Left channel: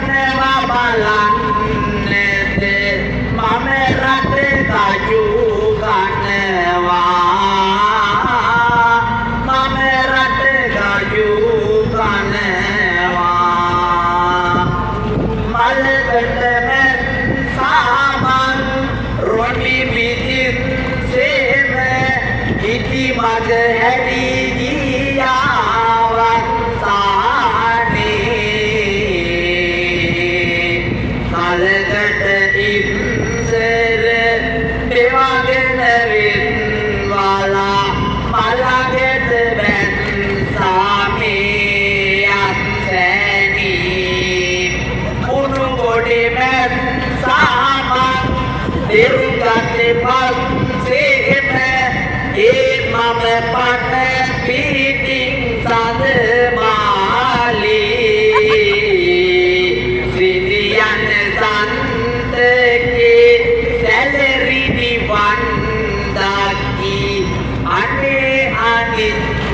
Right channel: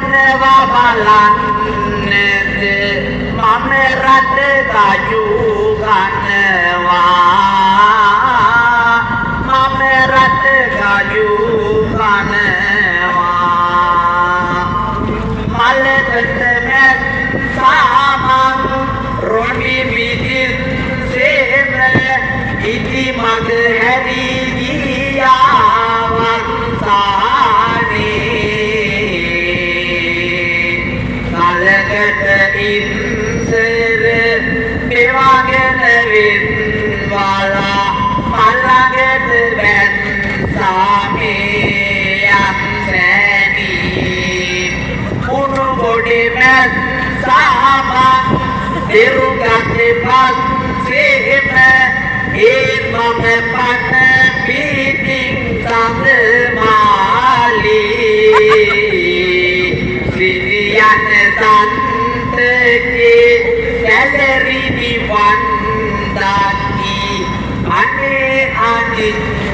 මොනවා බලන්නේද මම රට ගජු ගන්නවා මම රට ගජු ගන්නවා මලකට මැත් සාමන් රොණි විදිත් සේම ඉති මග හැදී ගියාවක් කලකට ඉන්දර පෙවාගෙන වෙන්වාලා මළඟට බැන් සාමේයක් සැනී උණු ගොඩේ මැත් සාමන් දෙරුගතේ පස්සේම ඒත් මම පන්න පිටින් සඳ මාලී සිරියන් සන්තකේ සැලරි නිවන් දකි අනේ අනිත්